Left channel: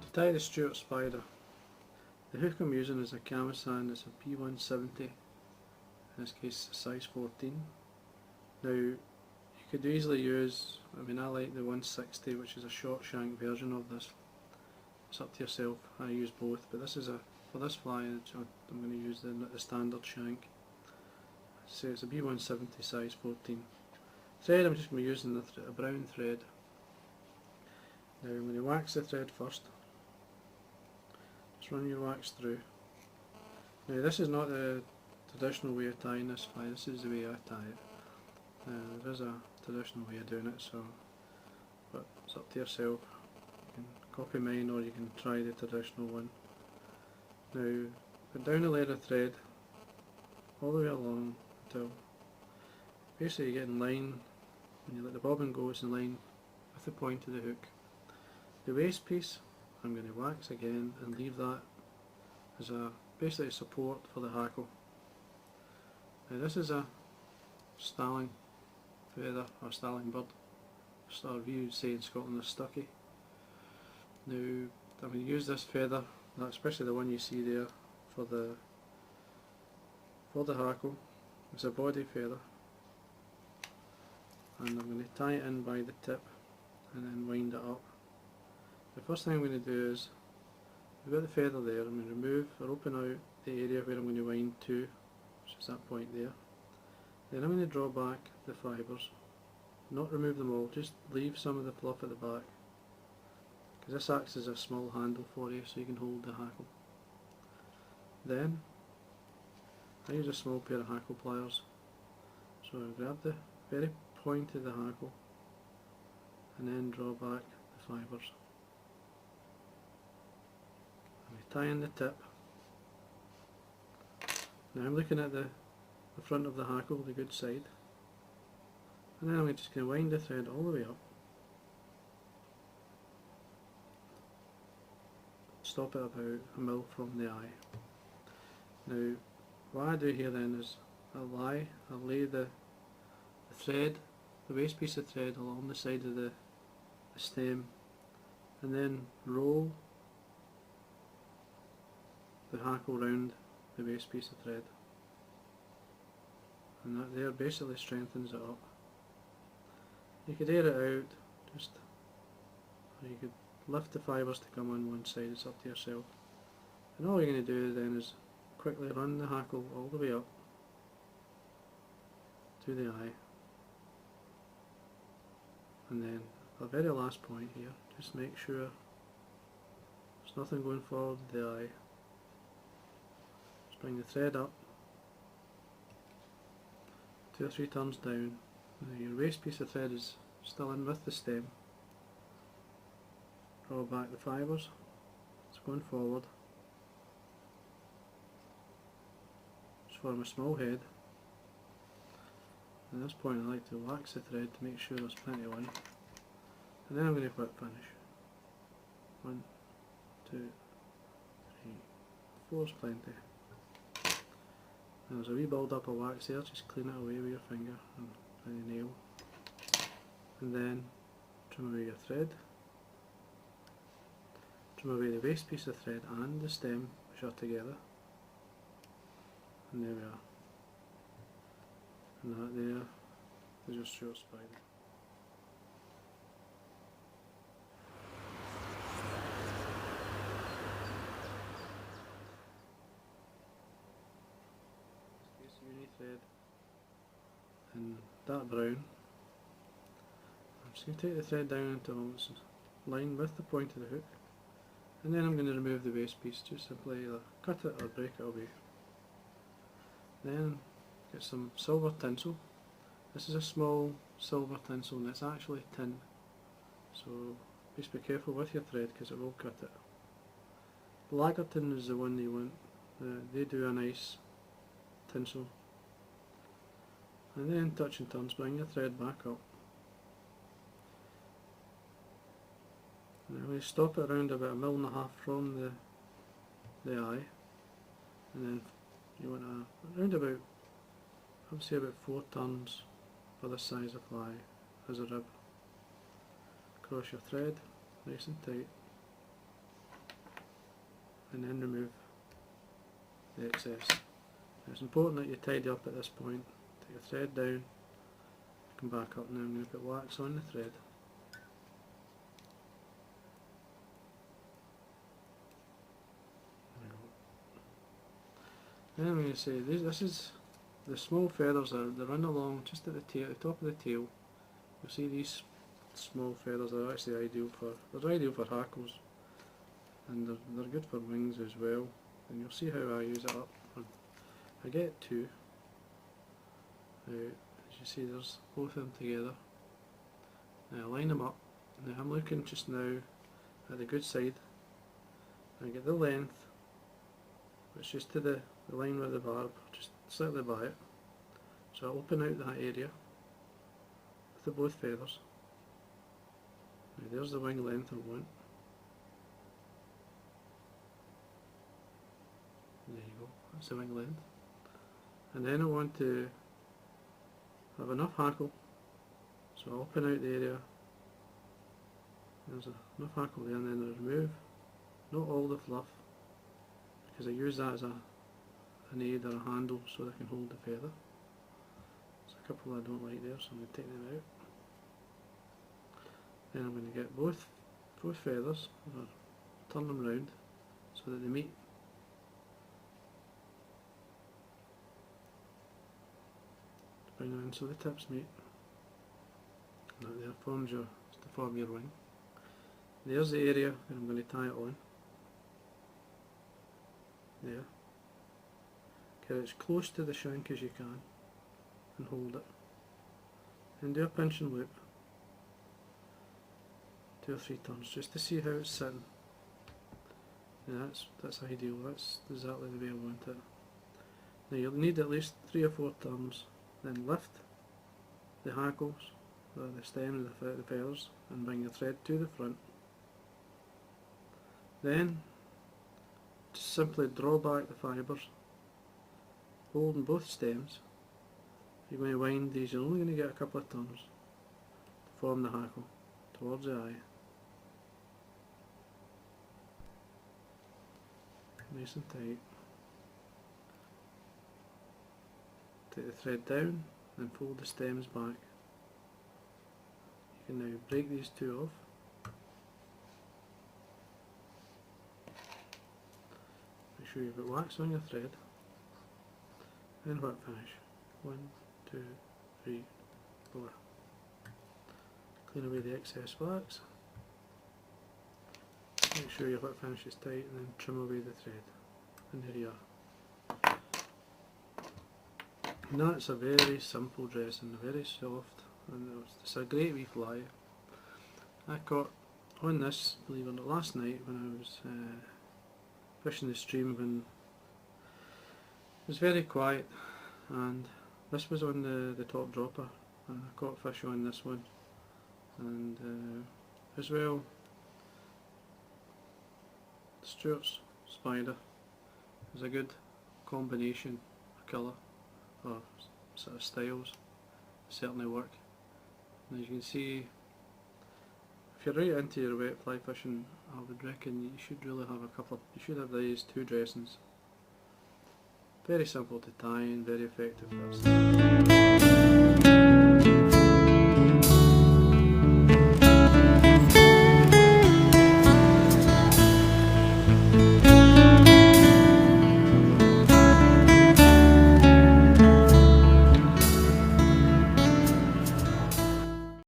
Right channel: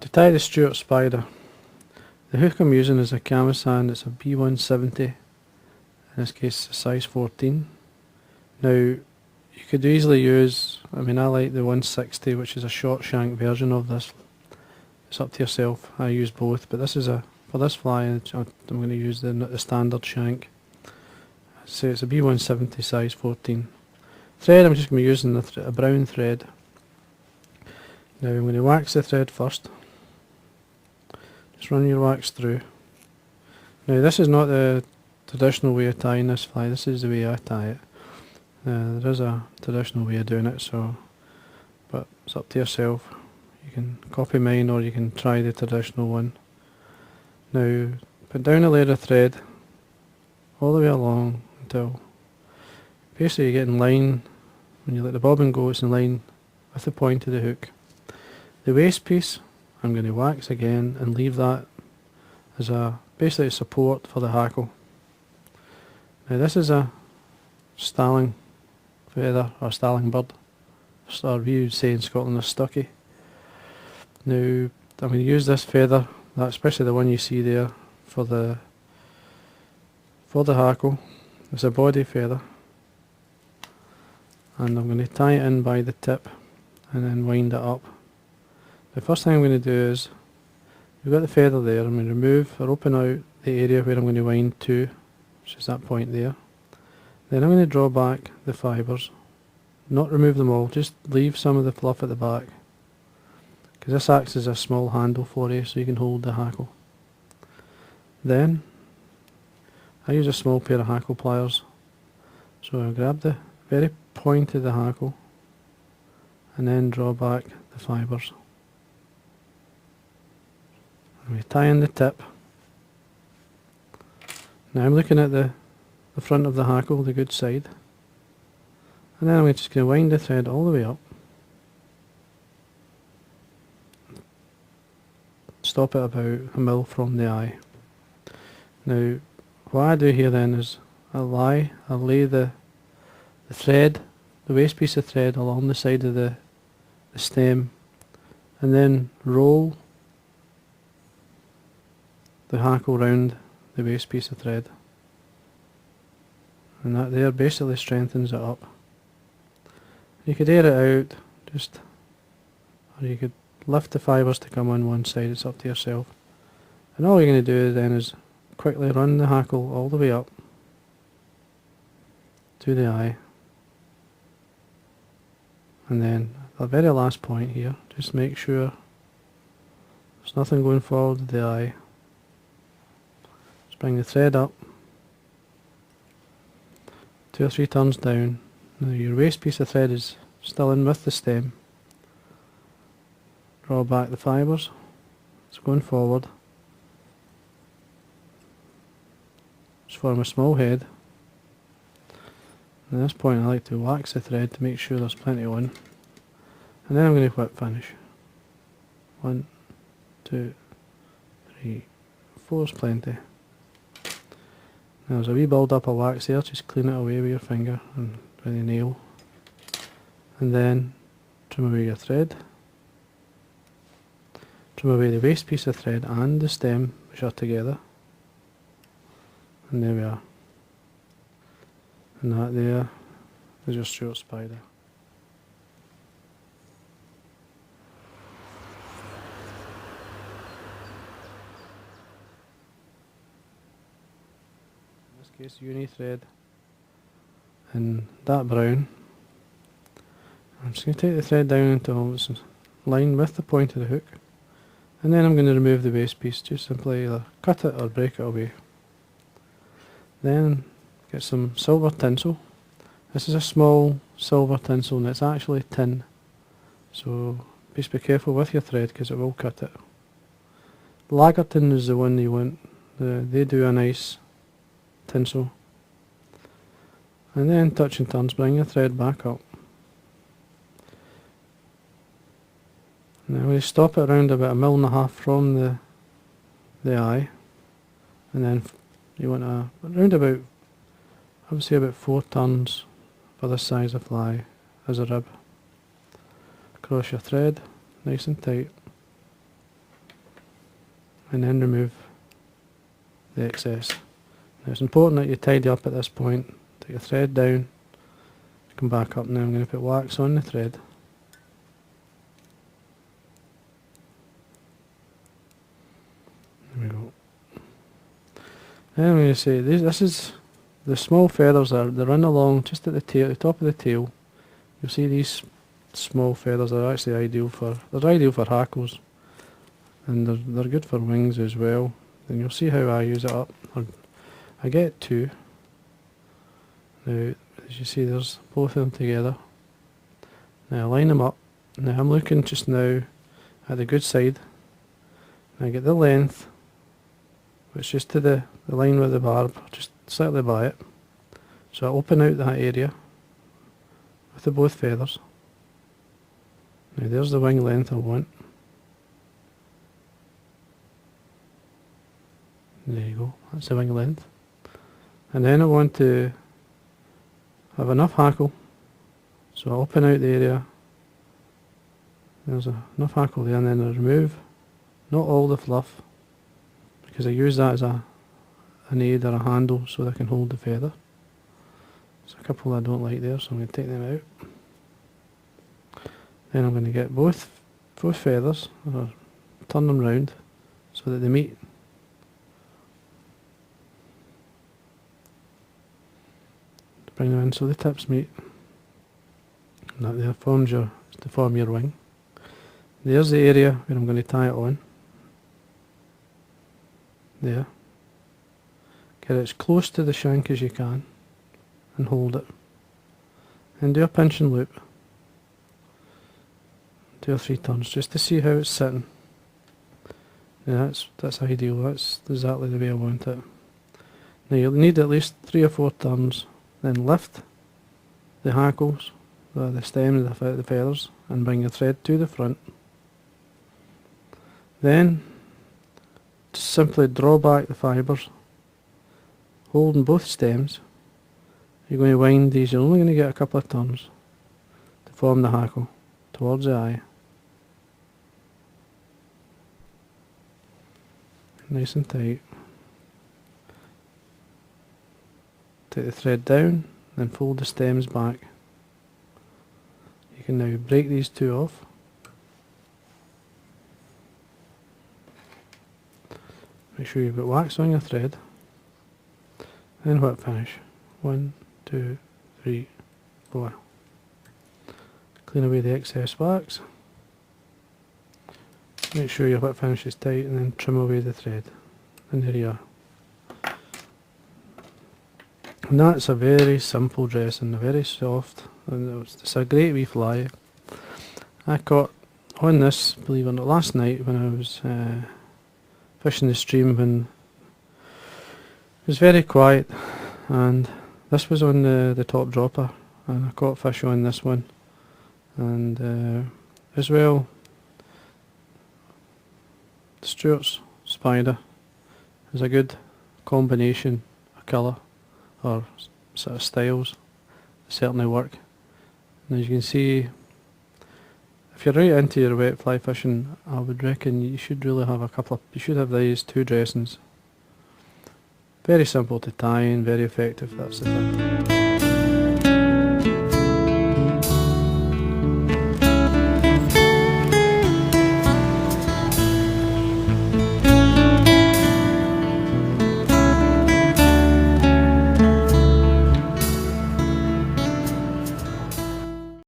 To tie the Stewarts spider, the hook I'm using is a camisand. It's a B170, in this case a size 14. Now you could easily use, I like the 160, which is a short shank version of this. It's up to yourself. I use both, but this is for this fly I'm going to use the standard shank. So it's a B170 size 14. Thread, I'm just going to be using a brown thread. Now I'm going to wax the thread first. Just run your wax through. Now this is not the traditional way of tying this fly, this is the way I tie it. There is a traditional way of doing it, but it's up to yourself. You can copy mine or you can try the traditional one. Now put down a layer of thread all the way along until basically you get in line. When you let the bobbin go, it's in line with the point of the hook. The waist piece I'm going to wax again and leave that as basically a support for the hackle. Now this is a starling feather or starling bird, or we would say in Scotland a stucky. Now I'm going to use this feather, especially the one you see there, for the hackle. It's a body feather, and I'm going to tie it in by the tip and then wind it up. The first thing I'm going to do is, we've got the feather there, I'm going to remove or open out the area where I'm going to wind to, which is that point there. Then I'm going to draw back the fibres, not remove them all, just leave some of the fluff at the back, because this acts as a small handle for you so you can hold the hackle. Then I use a small pair of hackle pliers, so I grab the very point of the hackle and then draw back the fibres. And we tie in the tip. Now I'm looking at the front of the hackle, the good side, and then I'm just going to wind the thread all the way up. Stop it about a mil from the eye. Now what I do here then is I'll lay the thread, the waste piece of thread along the side of the stem, and then roll the hackle round the waste piece of thread, and that there basically strengthens it up. You could air it out, or you could lift the fibres to come on one side, it's up to yourself. And all you're going to do then is quickly run the hackle all the way up to the eye, and then the very last point here, just make sure there's nothing going forward with the eye. Just bring the thread up 2 or 3 turns down. Now your waste piece of thread is still in with the stem. Draw back the fibres, it's going forward. Just form a small head. At this point I like to wax the thread to make sure there's plenty on. And then I'm going to whip finish. 1, 2, 3, 4 is plenty. Now there's a wee build up of wax there, just clean it away with your finger and with the nail. And then trim away your thread. Trim away the waste piece of thread and the stem, which are together. And there we are. And that there is your Stewarts spider. In this case, uni thread in that brown. I'm just going to take the thread down until it's in line with the point of the hook, and then I'm going to remove the waste piece. Just simply either cut it or break it away. Then get some silver tinsel. This is a small silver tinsel and it's actually tin, so just be careful with your thread because it will cut it. Lager tin is the one you want. They do a nice tinsel. And then touch and turns, bring your thread back up. Now we stop it around about 1.5 mils from the eye, and then you want to around about, I would say about 4 turns for this size of fly as a rib. Cross your thread nice and tight, and then remove the excess. Now it's important that you tidy up at this point. Take your thread down, come back up. Now I'm going to put wax on the thread. There we go. Then I'm going to say this is the small feathers they run along just at the tail, the top of the tail. You'll see these small feathers are actually ideal for hackles, and they're good for wings as well. And you'll see how I use it up. I get 2. Now as you see there's both of them together. Now I line them up. Now I'm looking just now at the good side. I get the length, which is just to the line with the barb, just slightly by it. So I open out that area with the both feathers. Now there's the wing length I want. There you go, that's the wing length. And then I want to have enough hackle, so I open out the area. There's enough hackle there, and then I remove not all the fluff, because I use that as an aid or a handle so that I can hold the feather. There's a couple I don't like there, so I'm going to take them out. Then I'm going to get both feathers, or turn them round so that they meet. Bring them in so the tips meet. And that there forms to form your wing. There's the area where I'm going to tie it on. There. Get it as close to the shank as you can and hold it. And do a pinch and loop. 2 or 3 turns just to see how it's sitting. Yeah, that's ideal. That's exactly the way I want it. Now you'll need at least 3 or 4 turns. Then lift the hackles, the stems, the feathers, and bring your thread to the front. Then just simply draw back the fibres, holding both stems. You're going to wind these. You're only going to get a couple of turns to form the hackle towards the eye. Nice and tight. Take the thread down, then fold the stems back. You can now break these 2 off. Make sure you've got wax on your thread. Then whip finish. 1, 2, 3, 4. Clean away the excess wax. Make sure your whip finish is tight, and then trim away the thread. And there you are. And that's a very simple dressing, very soft, and it's a great wee fly. I caught on this, believe it or not, last night when I was fishing the stream when it was very quiet, and this was on the top dropper, and I caught fish on this one, and as well the Stewarts spider is a good combination of colour or sort of styles. Certainly work. And as you can see, if you're right into your wet fly fishing, I would reckon you should really have you should have these 2 dressings. Very simple to tie in, very effective, that's the thing.